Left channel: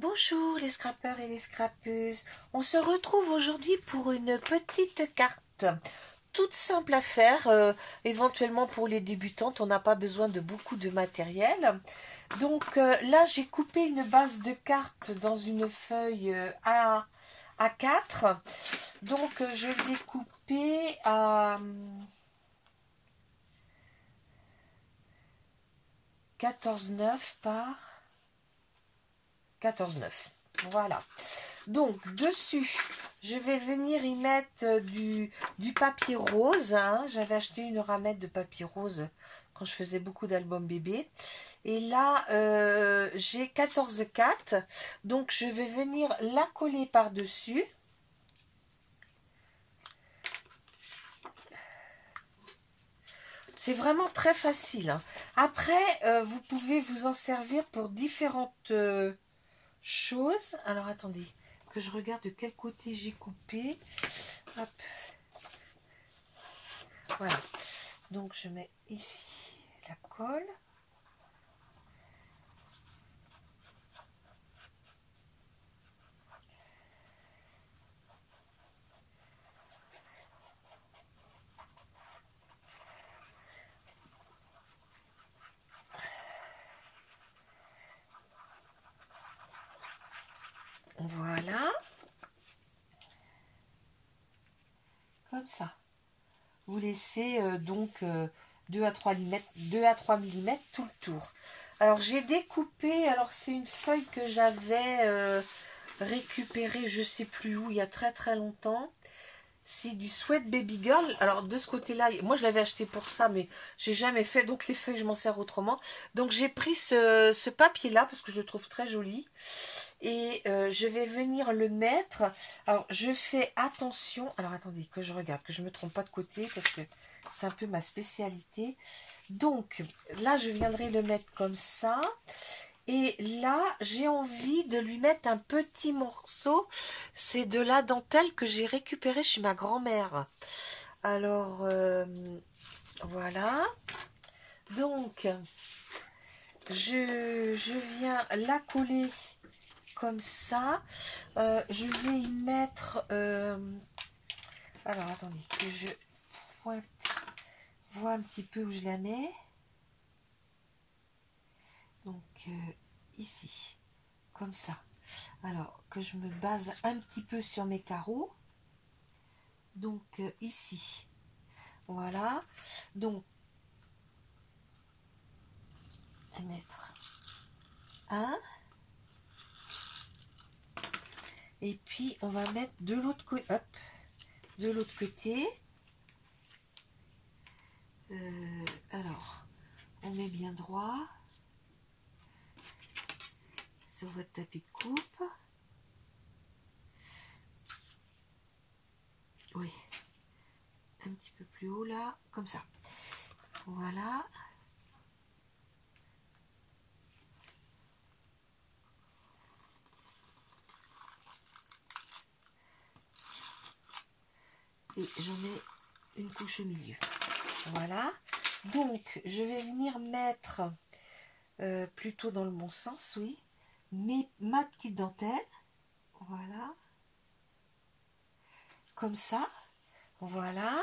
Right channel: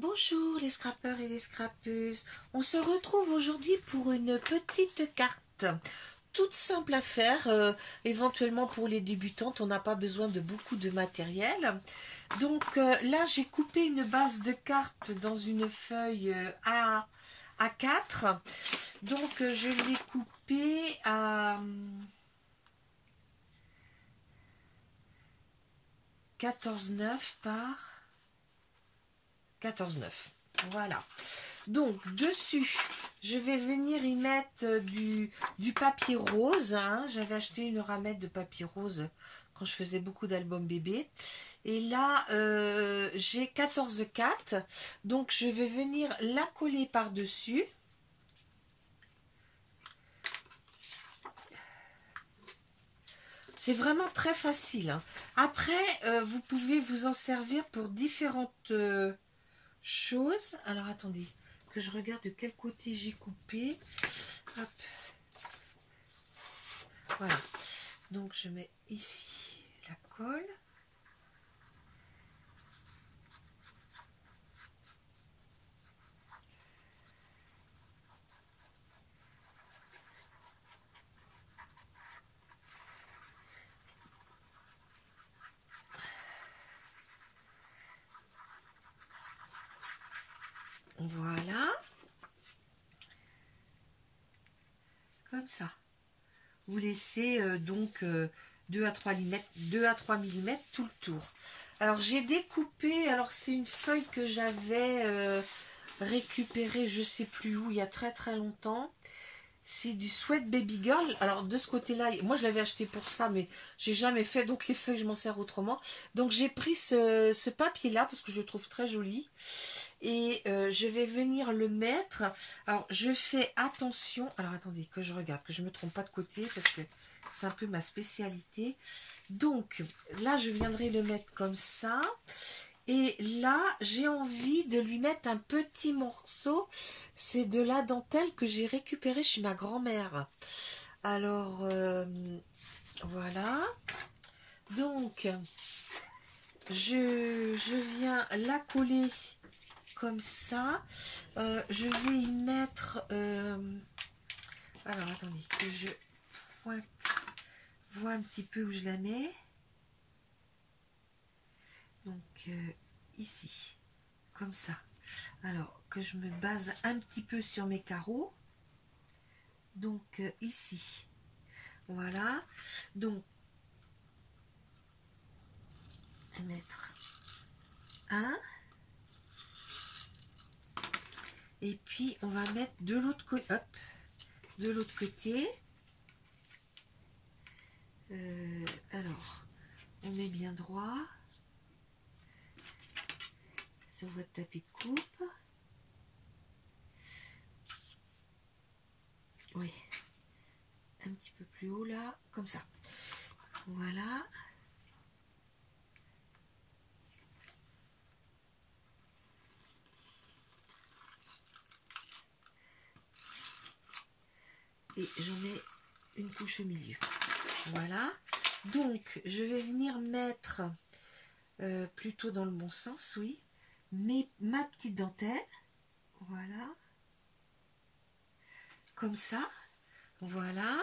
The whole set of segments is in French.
Bonjour les scrappeurs et les scrappeuses, on se retrouve aujourd'hui pour une petite carte toute simple à faire, éventuellement pour les débutantes, on n'a pas besoin de beaucoup de matériel. Donc là j'ai coupé une base de cartes dans une feuille A4, donc je l'ai coupée à 14,9 par 14,9. Voilà. Donc, dessus, je vais venir y mettre du papier rose. Hein. J'avais acheté une ramette de papier rose quand je faisais beaucoup d'albums bébés. Et là, j'ai 14,4. Donc, je vais venir la coller par-dessus. C'est vraiment très facile. Hein. Après, vous pouvez vous en servir pour différentes choses. Alors, attendez, que je regarde de quel côté j'ai coupé. Hop. Voilà. Donc, je mets ici la colle. Voilà. Comme ça. Vous laissez donc 2 à 3 mm tout le tour. Alors j'ai découpé, alors c'est une feuille que j'avais récupérée je sais plus où il y a très longtemps. C'est du Sweat Baby Girl. Alors de ce côté-là, moi je l'avais acheté pour ça, mais j'ai jamais fait, donc les feuilles je m'en sers autrement. Donc j'ai pris ce papier-là parce que je le trouve très joli. Et je vais venir le mettre. Alors je fais attention. Alors attendez que je regarde, que je ne me trompe pas de côté parce que c'est un peu ma spécialité. Donc là je viendrai le mettre comme ça. Et là, j'ai envie de lui mettre un petit morceau. C'est de la dentelle que j'ai récupérée chez ma grand-mère. Alors, voilà. Donc, je viens la coller comme ça. Je vais y mettre... alors, attendez, que je pointe, vois un petit peu où je la mets. Donc ici, comme ça. Alors que je me base un petit peu sur mes carreaux. Donc ici, voilà. Donc mettre un. Et puis on va mettre de l'autre côté. Hop, de l'autre côté. Alors, on met bien droit sur votre tapis de coupe. Oui, un petit peu plus haut là, comme ça. Voilà. Et j'en mets une couche au milieu. Voilà. Donc, je vais venir mettre plutôt dans le bon sens, oui, mais ma petite dentelle. Voilà. Comme ça. Voilà.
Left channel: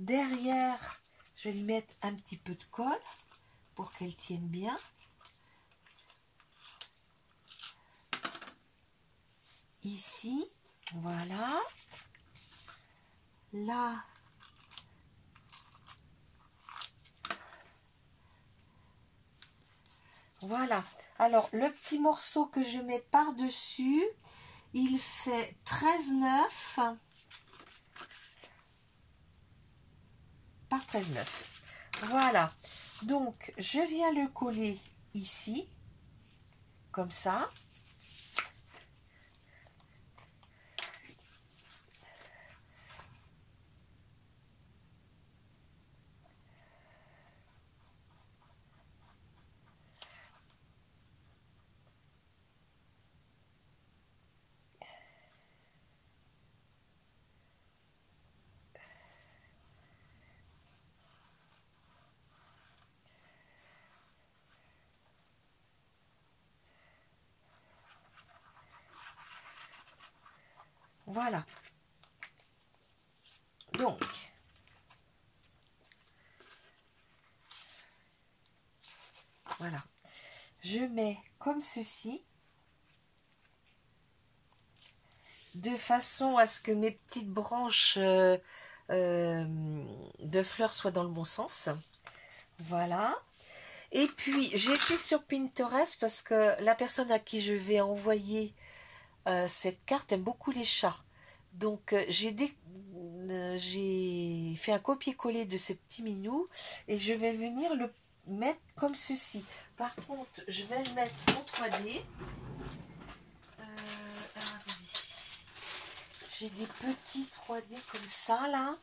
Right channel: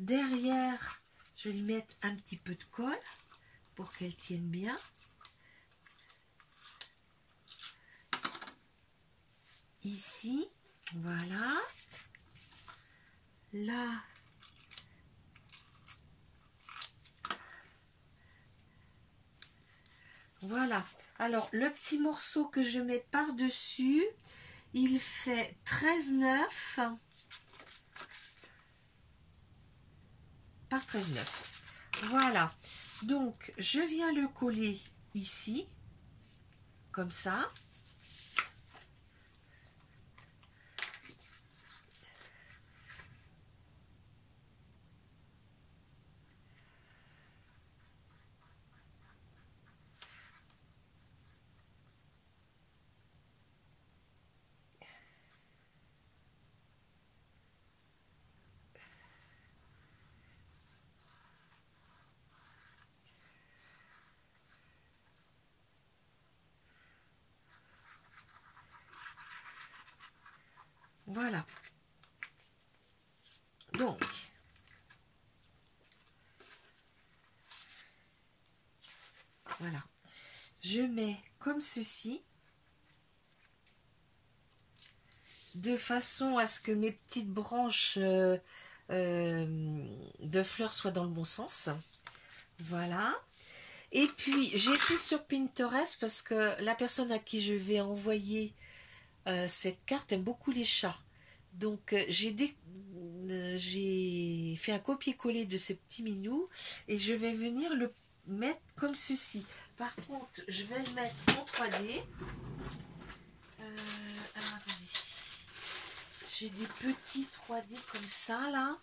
Derrière, je vais lui mettre un petit peu de colle pour qu'elle tienne bien. Ici. Voilà. Là. Voilà. Alors, le petit morceau que je mets par-dessus, il fait 13,9 par 13,9. Voilà. Donc, je viens le coller ici, comme ça. Voilà. Donc, voilà. Je mets comme ceci, de façon à ce que mes petites branches de fleurs soient dans le bon sens. Voilà. Et puis, j'ai été sur Pinterest parce que la personne à qui je vais envoyer cette carte aime beaucoup les chats. Donc, j'ai fait un copier-coller de ce petit minou et je vais venir le mettre comme ceci. Par contre, je vais le mettre en 3D. Alors, attendez. J'ai des petits 3D comme ça, là.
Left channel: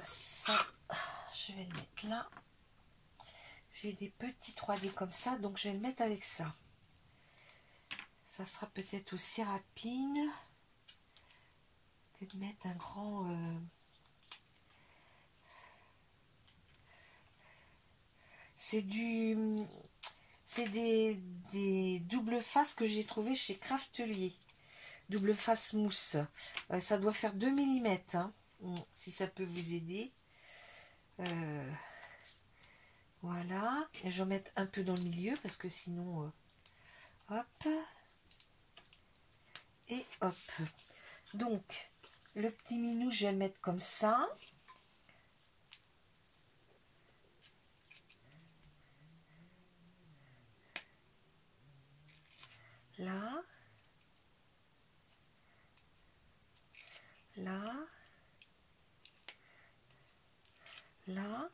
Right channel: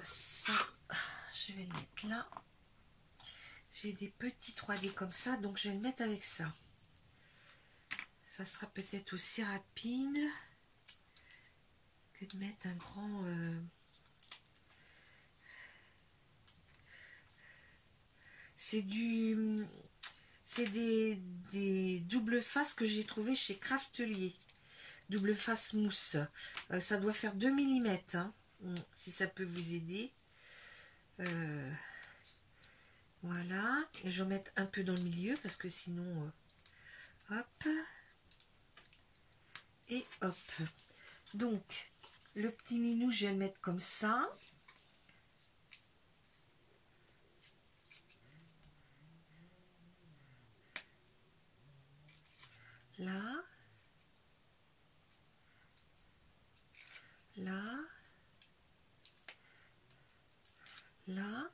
Ça, je vais le mettre là. J'ai des petits 3D comme ça, donc je vais le mettre avec ça. Ça sera peut-être aussi rapide que de mettre un grand... C'est des doubles faces que j'ai trouvé chez Craftelier. Double face mousse. Ça doit faire 2 mm, hein, si ça peut vous aider. Voilà. Et je vais mettre un peu dans le milieu parce que sinon... hop. Et hop. Donc, le petit minou, je vais le mettre comme ça. Là. Là. Là.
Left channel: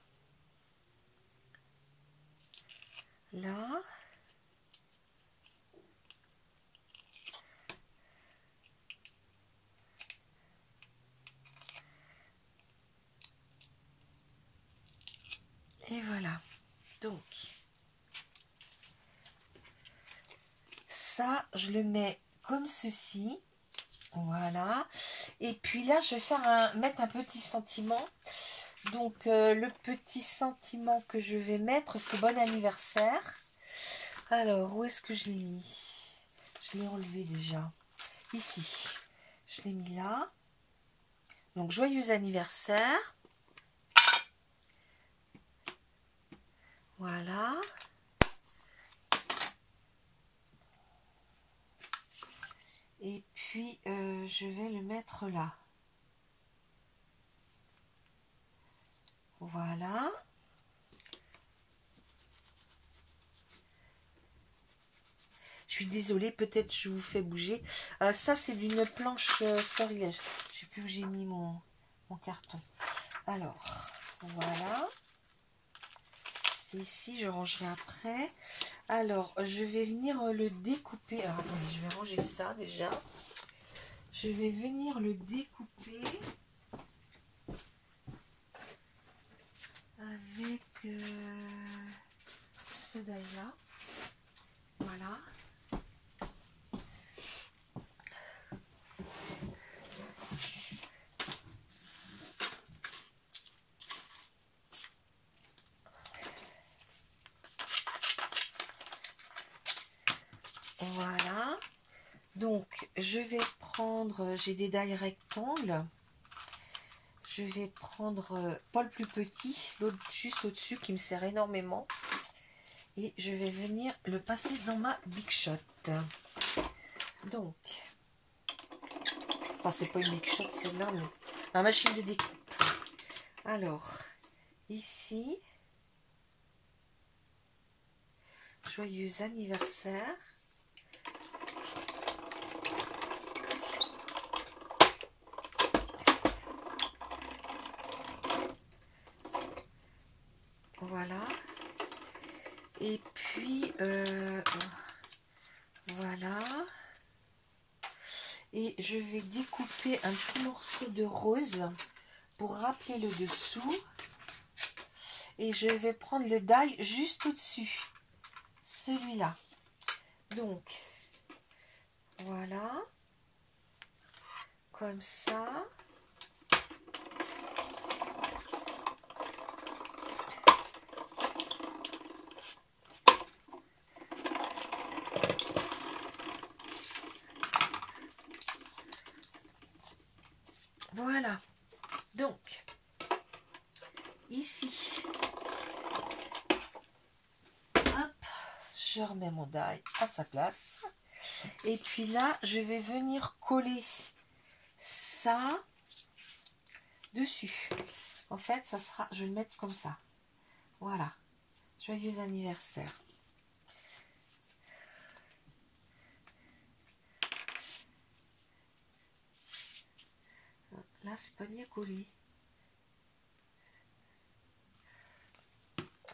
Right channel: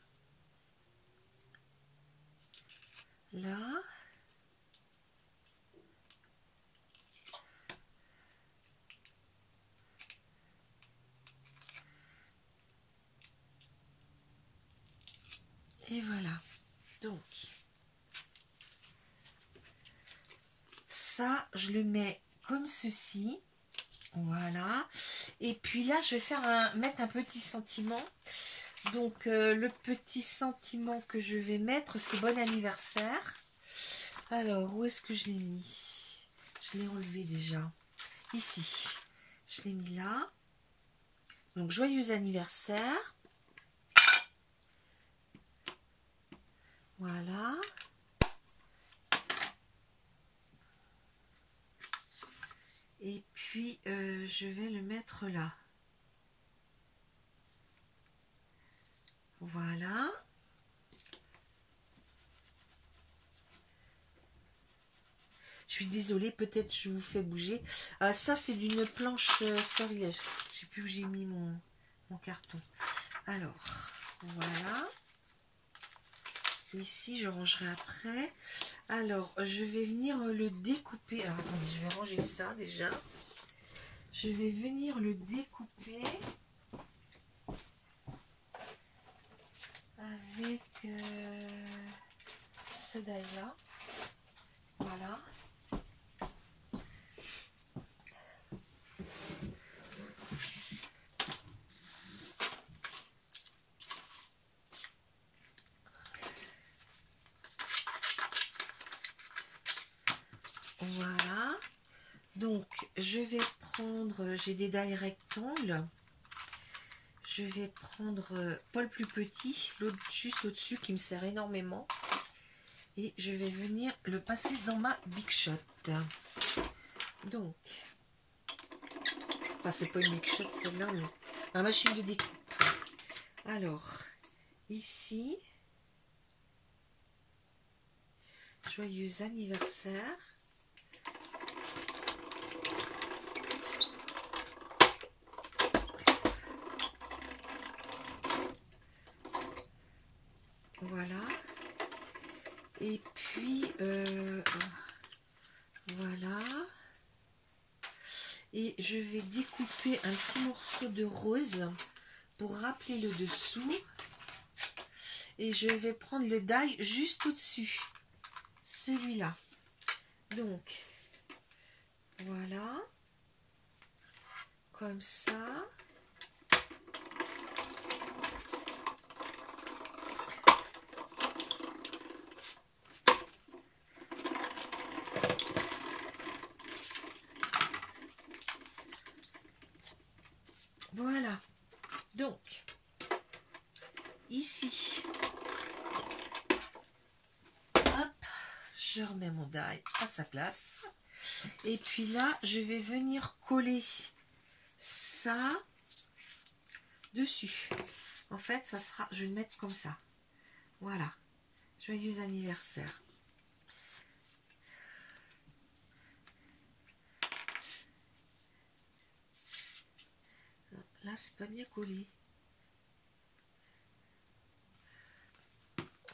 Là. Et voilà. Donc, ça, je le mets comme ceci. Voilà. Et puis là, je vais faire mettre un petit sentiment. Donc, le petit sentiment que je vais mettre, c'est bon anniversaire. Alors, où est-ce que je l'ai mis? Je l'ai enlevé déjà. Ici. Je l'ai mis là. Donc, joyeux anniversaire. Voilà. Et puis, je vais le mettre là. Voilà. Je suis désolée, peut-être je vous fais bouger. Ça, c'est d'une planche florilège. Je ne sais plus où j'ai mis mon carton. Alors, voilà. Ici, je rangerai après. Alors, je vais venir le découper. Alors, attendez, je vais ranger ça déjà. Je vais venir le découper avec ce die-là. Voilà. Voilà. Donc, je vais prendre, j'ai des die rectangles. Je vais prendre pas le plus petit, l'autre juste au-dessus qui me sert énormément. Et je vais venir le passer dans ma Big Shot. Donc, enfin c'est pas une Big Shot celle-là, mais ma machine de découpe. Alors, ici, joyeux anniversaire. Voilà. Et puis, voilà. Et je vais découper un petit morceau de rose pour rappeler le dessous. Et je vais prendre le die juste au-dessus. Celui-là. Donc, voilà. Comme ça. je remets mon die à sa place. Et puis là, je vais venir coller ça dessus. En fait, ça sera, je vais le mettre comme ça. Voilà. Joyeux anniversaire. Là, c'est pas bien collé.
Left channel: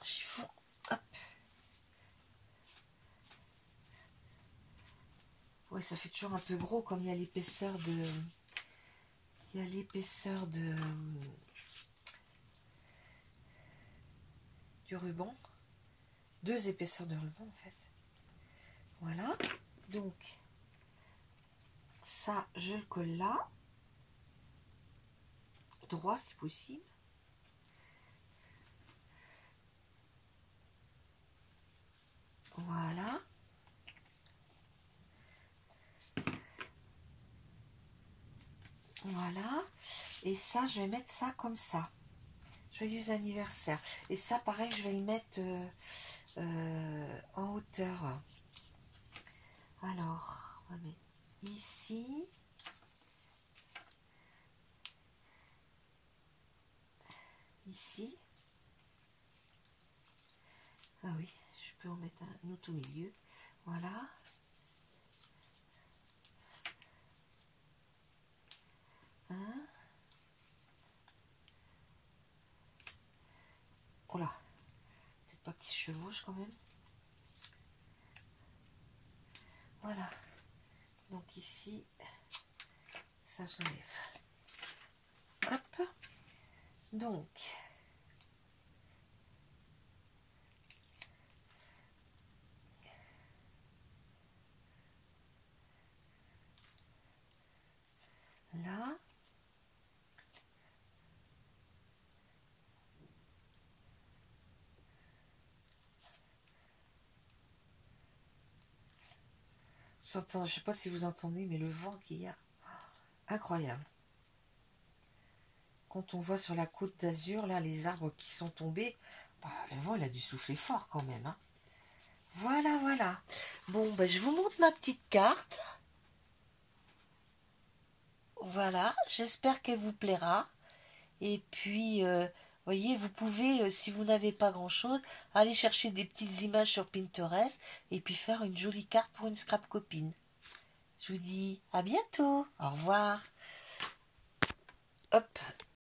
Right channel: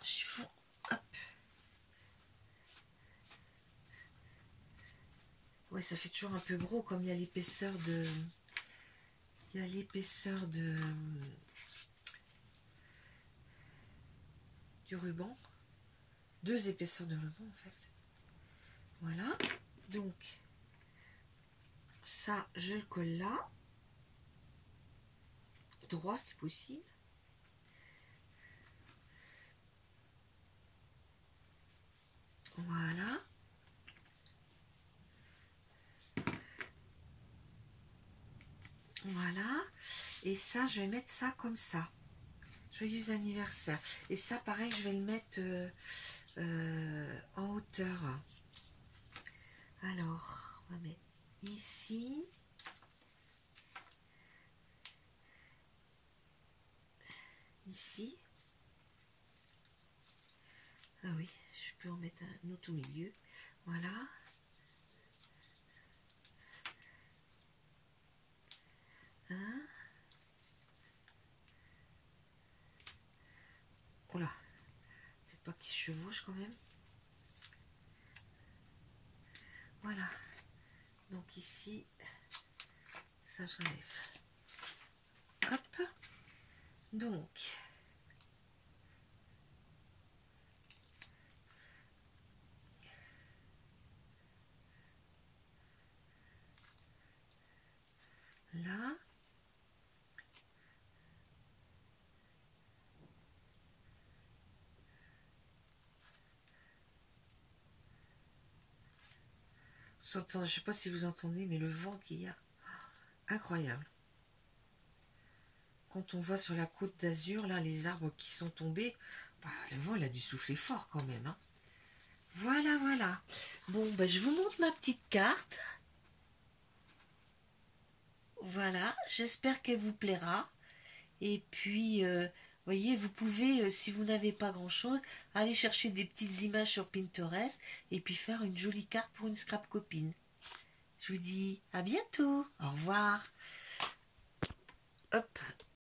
Chiffon. Hop. Ouais, ça fait toujours un peu gros comme il y a l'épaisseur de... Il y a l'épaisseur de... du ruban. 2 épaisseurs de ruban, en fait. Voilà. Donc, ça, je le colle là. Droit, si possible. Voilà. Voilà. Et ça, je vais mettre ça comme ça. Joyeux anniversaire. Et ça, pareil, je vais le mettre en hauteur. Alors, on va mettre ici. Ici. Ah oui, je peux en mettre un autre au milieu. Voilà. Oh là, peut-être pas qu'il se chevauche quand même. Voilà. Donc ici, ça je lève. Hop. Donc, là. Je ne sais pas si vous entendez, mais le vent qu'il y a, incroyable. Quand on voit sur la côte d'Azur, là, les arbres qui sont tombés, bah, le vent, il a dû souffler fort quand même. Hein. Voilà, voilà. Bon, bah, je vous montre ma petite carte. Voilà, j'espère qu'elle vous plaira. Et puis, voyez, vous pouvez, si vous n'avez pas grand-chose, aller chercher des petites images sur Pinterest et puis faire une jolie carte pour une scrap copine. Je vous dis à bientôt. Au revoir.